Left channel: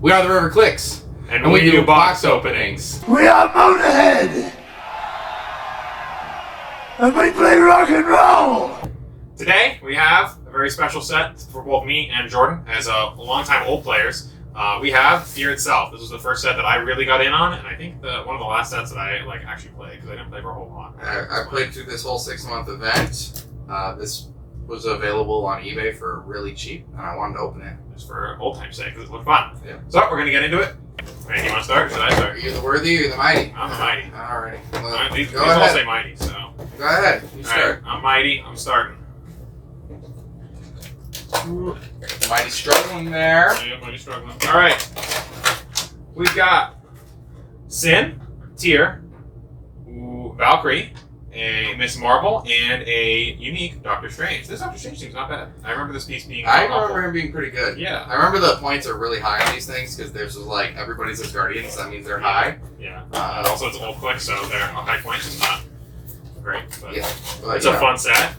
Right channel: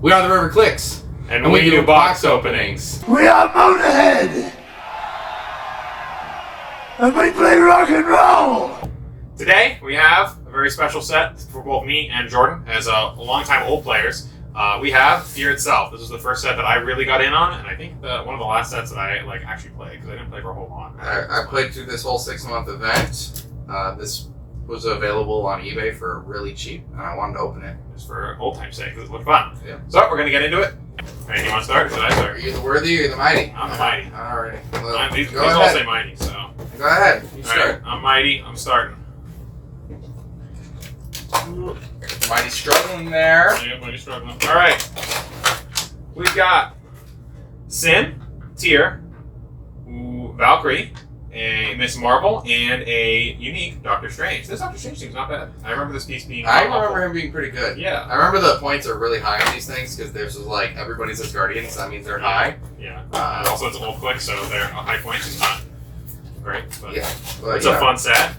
We are the River Clix. And we do box openings. We are Motorhead! And we play rock and roll! Today, we have a very special set for both me and Jordan, as longtime old players. We have Fear Itself. This was the first set that I really got in on, and I think one of the last sets that I actually played, because I didn't play for a whole lot. I played through this whole 6-month event. This was available on eBay for really cheap, and I wanted to open it. Just for old time's sake, because it looked fun. Yeah. So, we're going to get into it. Hey, you want to start, or should I Are start? you the worthy or you the mighty? I'm the mighty. Alright. These Go all ahead. say mighty, so. Go ahead. You All start. right, I'm mighty. I'm starting. Mighty struggling there. Yeah, mighty struggling. All right. We've got Sin, Tyr, Valkyrie, a Miss Marvel, and a unique Doctor Strange. This Doctor Strange seems not bad. I remember this piece being I awful. remember him being pretty good. Yeah. I remember the points are really high on these things because there's like everybody's as guardians, so that means they're high. Yeah. And also, it's a little quick, so their high points is not great. But Yeah. But, it's a fun set.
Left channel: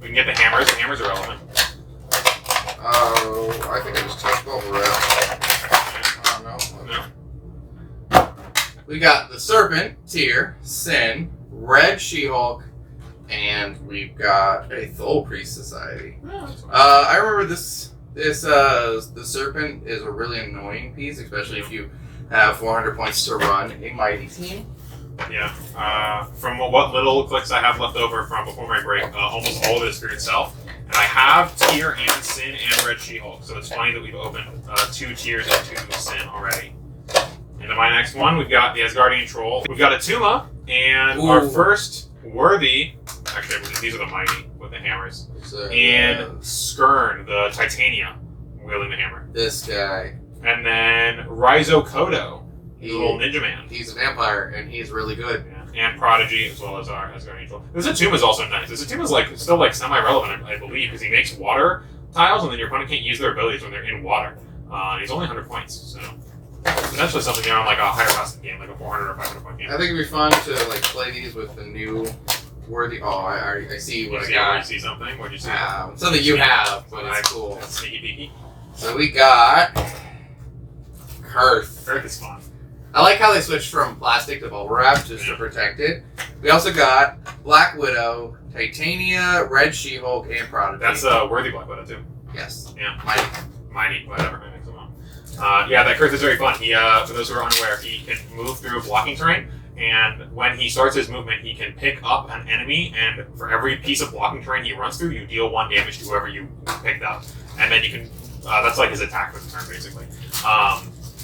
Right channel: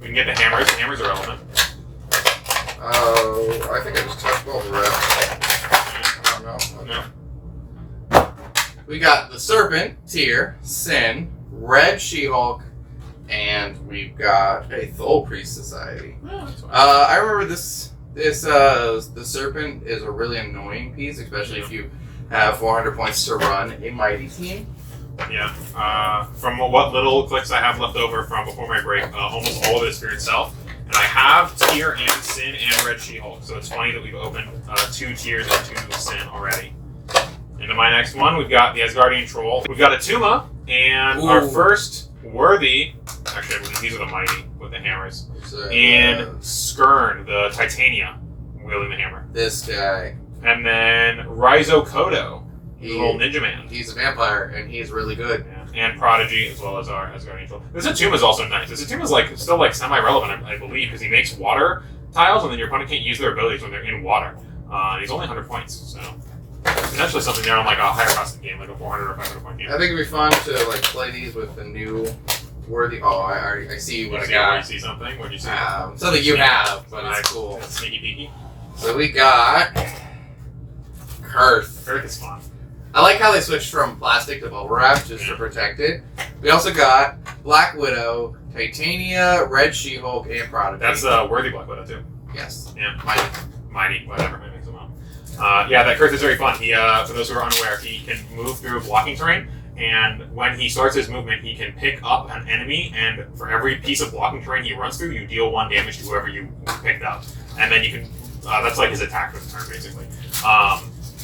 We can get the hammers. The hammers are relevant. Oh, I think I just touched all the rest. I don't know. No. We got the Serpent, Tyr, Sin, Red She-Hulk, and we've got a Thole Priest Society. No, that's fine. I remember the Serpent is a really annoying piece, especially if you have 400 points to run a mighty team. Yeah. From what little clicks I have left over from before my break, almost all of it is Fear Itself. And I have Tyr and Sin and Red She-Hulk, so it's funny that we've opened 2 Tyrs and 2 Sin already. Into my next one, we've got the Asgardian Troll. We've got a Tuma, and our first worthy... Actually, I believe these are the Mighty with the hammers. And Skirn, the Titania, wielding the hammer. This guy. And then Raizo Kodo, the little ninja man. He's a vampire, and he's really good. Yeah. And Prodigy, as well as our Asgardian Troll. This Atuma is also nice. This Atuma is still semi-relevant, I believe, because he makes water tiles, and then your opponent can't use their abilities when they're in water. And he's only 100 points, so potentially something there on a higher cost game, like a 400 or 500 point game. I think it'd be fun to play these with the new worthy. Oh, I see what I got. You see something? What'd you see? Something you have, but it's cool. That's sneaky peeky. So we got Kurth. Kurth is fun. I like how they switched from plastic to bubble wrap just to protect it. We also got Black Widow, Titania, Red She-Hulk, and Prodigy. That's a worthy Black Widow too. Yes. Yeah. Mighty. Whatever. Yeah, that Kurth is very fun. He, for those who are unaware, he can move through blocking terrain, and when he starts his movement, he can pick up an enemy, and for every piece of blocking terrain he runs through, you deal 1 damage to whoever you picked up. And then you can, that's like his attack for the turn, basically.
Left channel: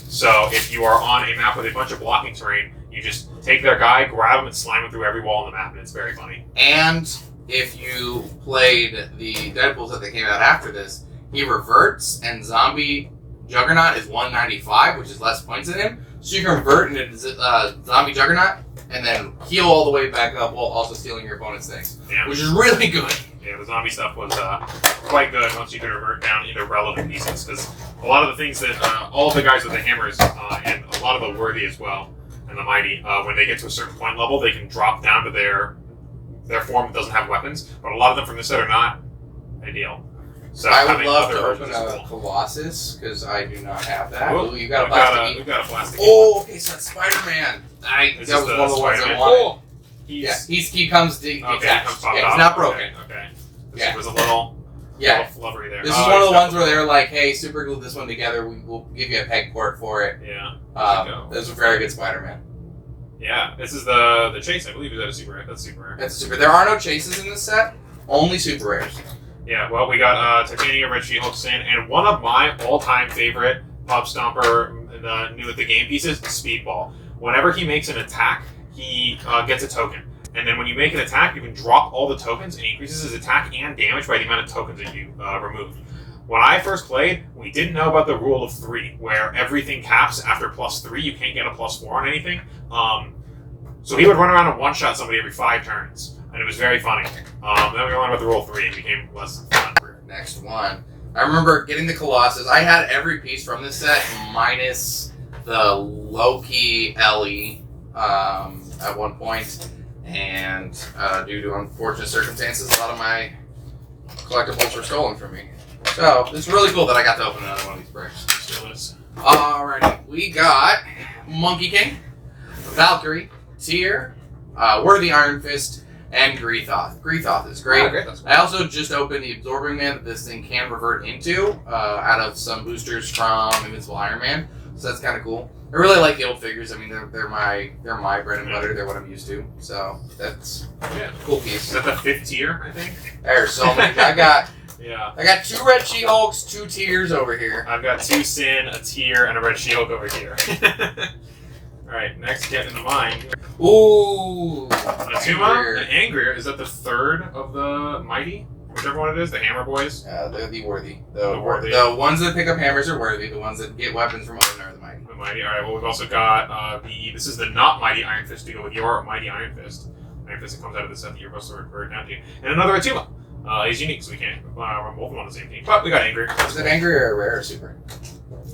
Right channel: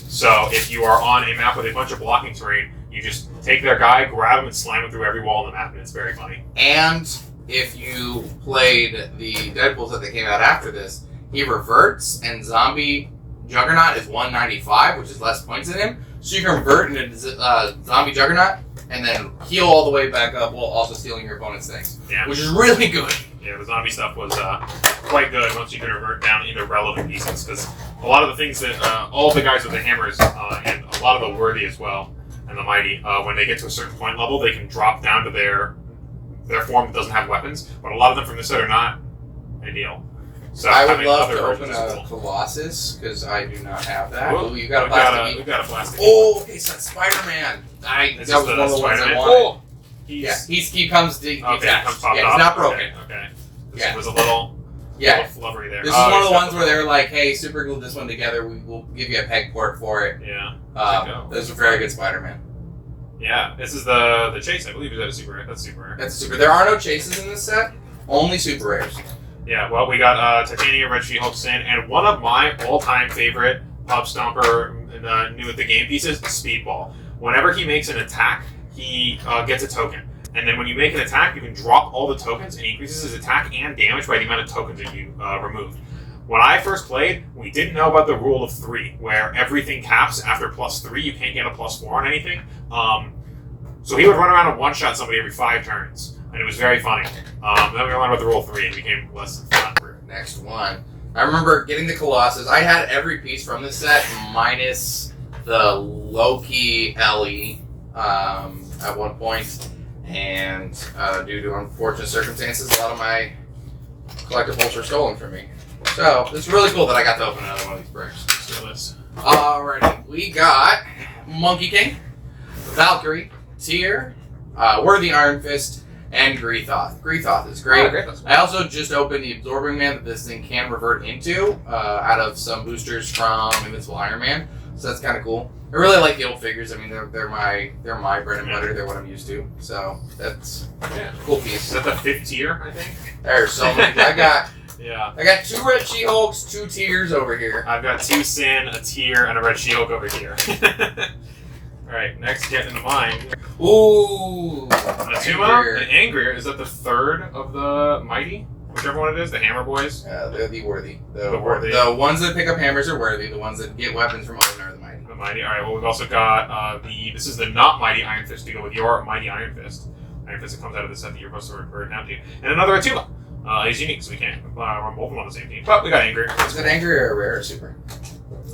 So if you are on a map with a bunch of blocking terrain, you just take their guy, grab him, and slam him through every wall on the map, and it's very funny. And if you played the Deadpools that came out after this, he reverts, and Zombie Juggernaut is 195, which is less points than him. So you can revert into Zombie Juggernaut, and then heal all the way back up while also stealing your opponent's things. Yeah. Which is really good. Yeah, the zombie stuff was quite good once you could revert down into relevant pieces, because a lot of the things that all of the guys with the hammers and a lot of the worthy as well and the mighty, when they get to a certain point level, they can drop down to their form that doesn't have weapons. But a lot of them from this set are not ideal. So I would having love other to open versions is a cool. Colossus because I do not have that. Ooh, Ooh, you got a we've plastic. We've got a plastic. Oh, okay, so that's Spider-Man. That was one of the ones I wanted. He comes detached. He comes popped he's off. not broken. Okay. This was a little flubbery there. This is one of the ones where they're like, hey, super glue this one together. We'll give you a peg port for it. Yeah. This is a very good Spider-Man. Yeah. This is the chase, I believe. Is that a super rare? That's super rare. That's super. There are no chases in this set. Only super rares. Yeah, well, we got Titania, Red She-Hulk, Sin, and one of my all-time favorite Pub Stomper new at the game pieces, Speedball. Whenever he makes an attack, he gets a token. And then when you make an attack, you can drop all the tokens, and he increases his attack and damage by the amount of tokens that you removed. When I first played, we didn't know about the rule of 3, where everything caps after +3. You can't get a +4 on anything. So he would run around and one-shot somebody every 5 turns. And it was very funny. Then we learned about the rule 3 and it became less fun. Next one. I remember getting the Colossus. I had every piece from this set minus the Loki Ellie at one point. And due to unfortunate circumstances, a lot of my collectibles were stolen from me. So it's really cool that I got to open another one of these bricks. Let's do this. Alrighty, we got Monkey King, Valkyrie, Tyr, Worthy Iron Fist, and Greethoth. Greethoth is great. Oh, great. That's cool. I also just opened the Absorbing Man that this thing can revert into out of some boosters from Invincible Iron Man, so that's kind of cool. I really like the old figures. I mean, they're my bread and butter. They're what I'm used to. So that's a cool piece. Is that the 5th tier? I think. There's so many. I got 2 Red She-Hulks, 2 Tyrs over here. I've got 2 Sin, a Tyr, and a Red She-Hulk over here. All right, next get into mine. Ooh, Atuma and Angrier. Is that the 3rd of the Mighty? Whichever one it is, the Hammer Boys. They're the Worthy. The Worthy. The ones that pick up hammers are Worthy. The ones that get weapons from Odin are the Mighty. The Mighty. All right. Well, we've also got this is the not Mighty Iron Fist to go with your Mighty Iron Fist. Iron Fist that comes out of the set that you're supposed to revert down to, and another Atuma. He's unique, so we can't run both of them on the same team. But we got Angry. Is it Angry or rare or super?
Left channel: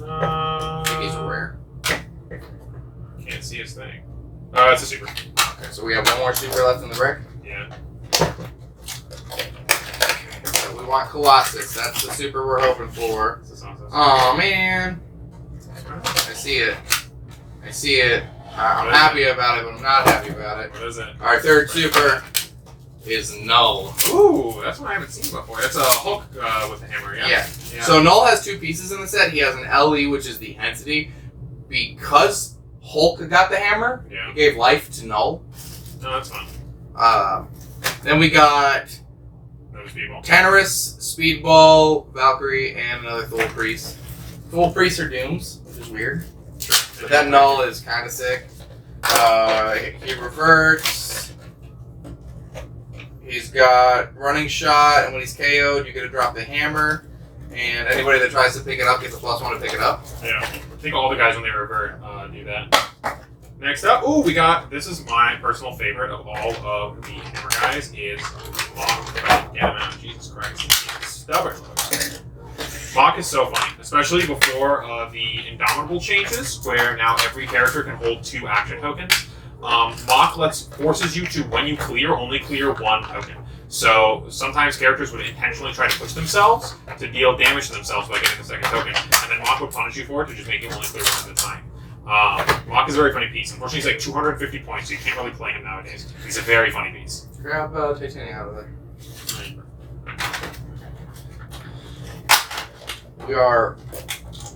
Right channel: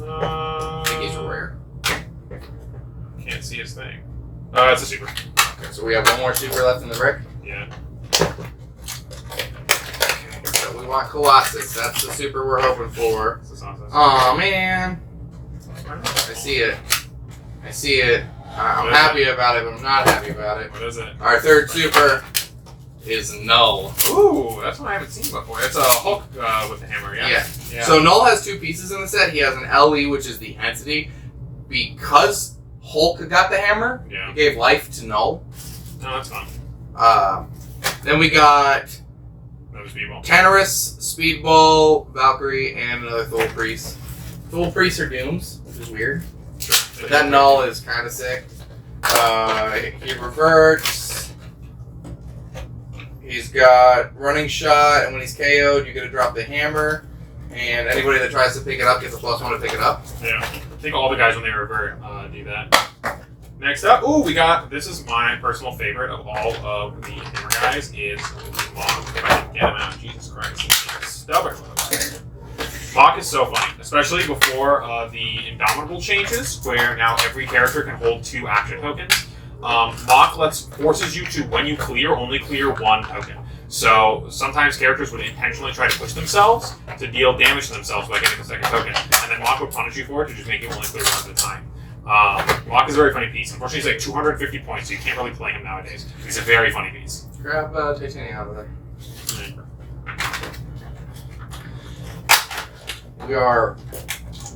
I think he's rare. Can't see his thing. It's a super. Okay, so we have one more super left in the brick. Yeah. So we want Colossus. That's the super we're hoping for. Oh man. I see it. I'm happy about it, but I'm not happy about it. What is it? Our third super is Null. Ooh, that's one I haven't seen before. It's a Hulk with the hammer, yeah? Yeah. So Null has 2 pieces in the set. He has an LE, which is the entity. Because Hulk got the hammer, he gave life to Null. Oh, that's fun. Then we got Speedball. Tenorus, Speedball, Valkyrie, and another Thule Priest. Thule Priests are Dooms, which is weird. Sure. But that Null is kind of sick. He reverts. He's got Running Shot, and when he's KO'd, you get to drop the hammer. And anybody that tries to pick it up gets a +1 to pick it up. Yeah. I think all the guys, when they revert, do that. Next up, this is my personal favorite of all of the hammer guys, is Mach. If I can get him out, Jesus Christ, he's stubborn. Mach is so funny, especially before the Indomitable changes, where now every character can hold 2 action tokens. Mach forces you to, when you clear, only clear 1 token. So sometimes characters would intentionally try to push themselves to deal damage to themselves by getting the 2nd token, and then Mach would punish you for it to just make you only clear 1 at a time. Mach is a very funny piece. Unfortunately, he's like 250 points, so you can't really play him nowadays. He's a very funny piece. Grab Titania out of there. We are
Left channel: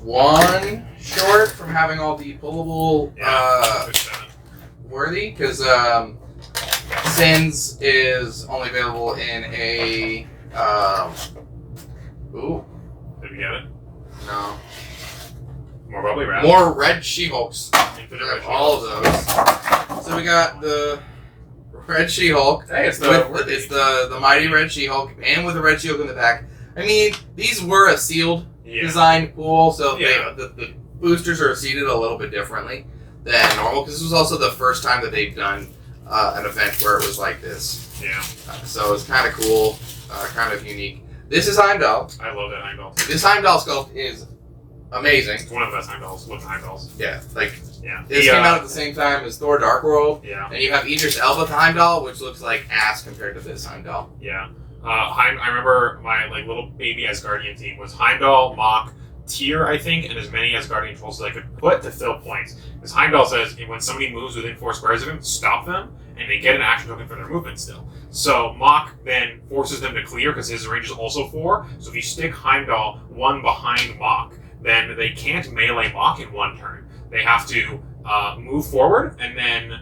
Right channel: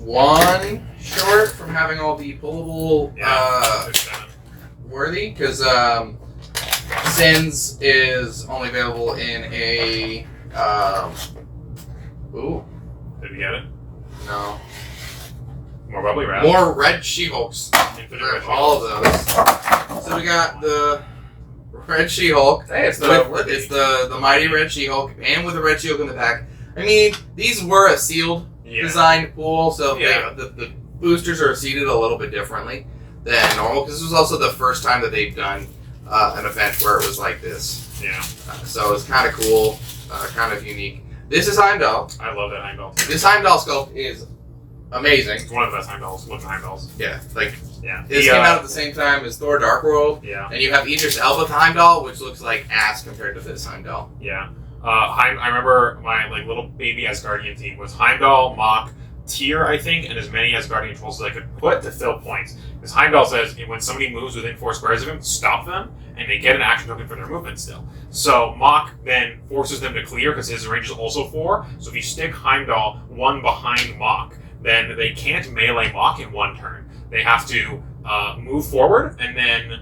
1 short from having all the pullable Worthy, because Sins is only available in a Did we get it? No. More bubbly red. More Red She-Hulks. Red All of those. So we got the Red She-Hulk. Hey, it's the mighty Red She-Hulk, and with a Red She-Hulk in the back. I mean, these were a sealed design pool, so the boosters are seated a little bit differently than normal, because this was also the first time that they've done an event where it was like this. Yeah. So it's kind of cool, kind of unique. This is Heimdall. I love that Heimdall. This Heimdall sculpt is amazing. It's one of the best Heimdalls. Looking Heimdalls. Yeah, Yeah. This came out at the same time as Thor Dark World. Yeah. And you have Idris Elba Heimdall, which looks like ass compared to this Heimdall. Yeah. I remember my little baby Asgardian team was Heimdall, Mach, Tyr, I think, and as many Asgardian trolls as I could put to fill points. Because Heimdall says when somebody moves within 4 squares of him, stop them, and they get an action token for their movement still. So Mach then forces them to clear because his range is also 4. So if you stick Heimdall 1 behind Mach, then they can't melee Mach in 1 turn. They have to move forward, and then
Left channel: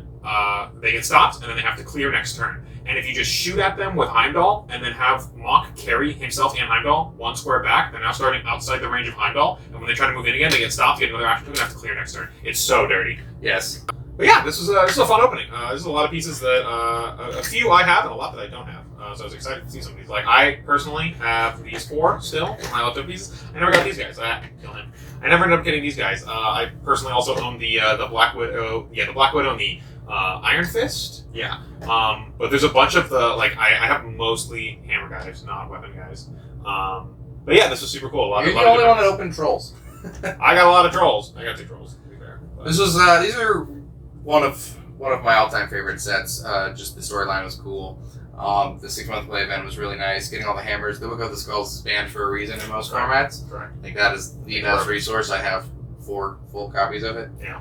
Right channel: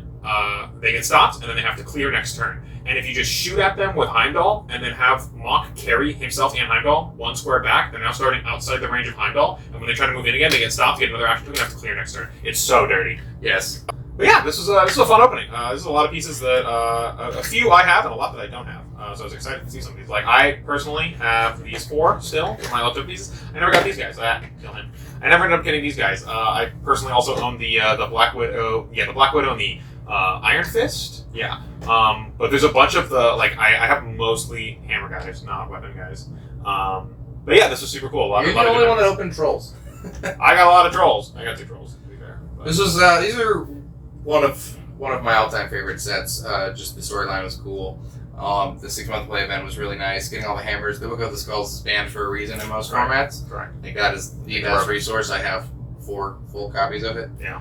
they get stopped, and then they have to clear next turn. And if you just shoot at them with Heimdall, and then have Mach carry himself and Heimdall 1 square back, they're now starting outside the range of Heimdall, and when they try to move in again, they get stopped, get another action token, and have to clear next turn. It's so dirty. Yes. But yeah, this is a fun opening. This is a lot of pieces that, a few I have, and a lot that I don't have. So I was excited to see some of these. I personally have these 4 still, my leftover pieces. I never got these guys. I had to kill him. I never ended up getting these guys. I personally also own the Black Widow, the Black Widow and the Iron Fist. Yeah. But there's a bunch of the, I have mostly hammer guys, not weapon guys. But yeah, this is super cool. You're the only one that opened trolls. I got a lot of trolls. I got 2 trolls, to be fair. But. This was, these are one of my all-time favorite sets. Just the storyline was cool. The 6-month play event was really nice. Getting all the hammers. The Book of the Skulls is banned for a reason in most formats. Correct. I think that is the best resource. I have 4 full copies of it. Yeah.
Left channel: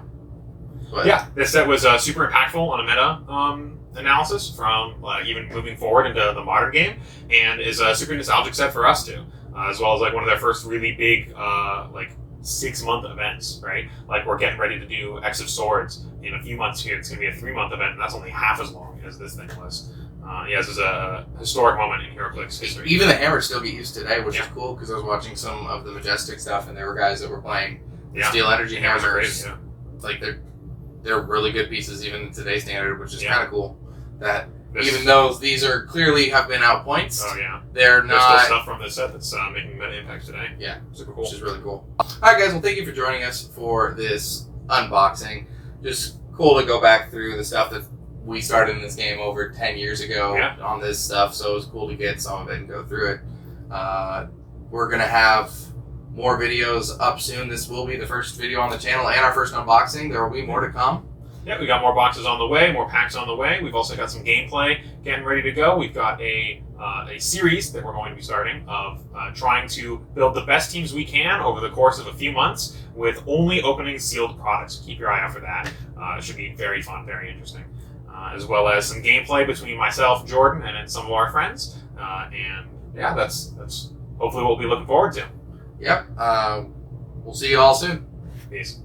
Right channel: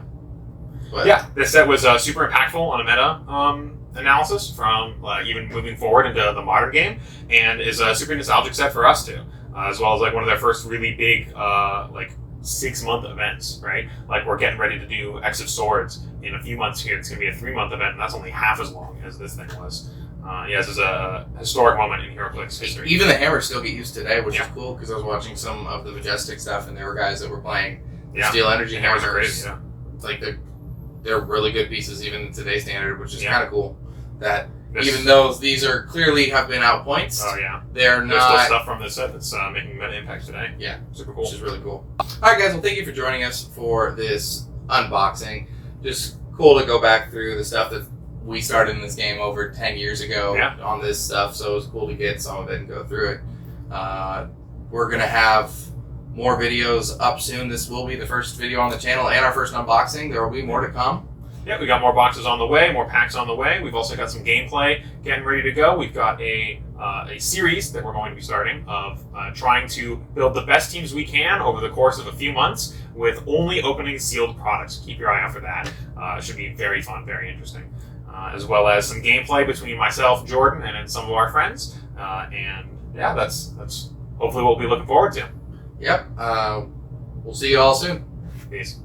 But Yeah, this set was super impactful on a meta analysis from even moving forward into the modern game, and is a super nostalgic set for us too, as well as like one of their first really big like 6-month events, right? Like we're getting ready to do X of Swords in a few months here. It's going to be a 3-month event, and that's only half as long as this thing was. Yeah, this is a historic moment in Heroclix history. even the hammers still get used today, which Yeah. is cool because I was watching some of the Majestic stuff, and there were guys that were playing Yeah. Steel Energy Hammers are hammers. great, Like they're really good pieces even in today's standard, which is Yeah. kind of cool. That This- even though these are clearly have been out points, Oh yeah. they're There's still not. stuff from this set that's making meta impact today. Yeah. Super cool. Which is really cool. All right, guys. Well, thank you for joining us for this unboxing. Just cool to go back through the stuff that we started in this game over 10 years ago Yeah. on this stuff. So it was cool to get some of it and go through it. We're gonna have more videos up soon. This will be the first video on the channel and our first unboxing. There will be more to come. Yeah, we got more boxes on the way, more packs on the way. We've also got some gameplay getting ready to go. We've got a series that we're going to be starting of trying to build the best teams we can over the course of a few months with only opening sealed products. Keep your eye out for that. It should be very fun, very interesting. As well as some gameplay between myself, Jordan, and then some of our friends. And yeah, that's hopefully what we'll be looking forward to. Yep. We'll see you all soon. Peace.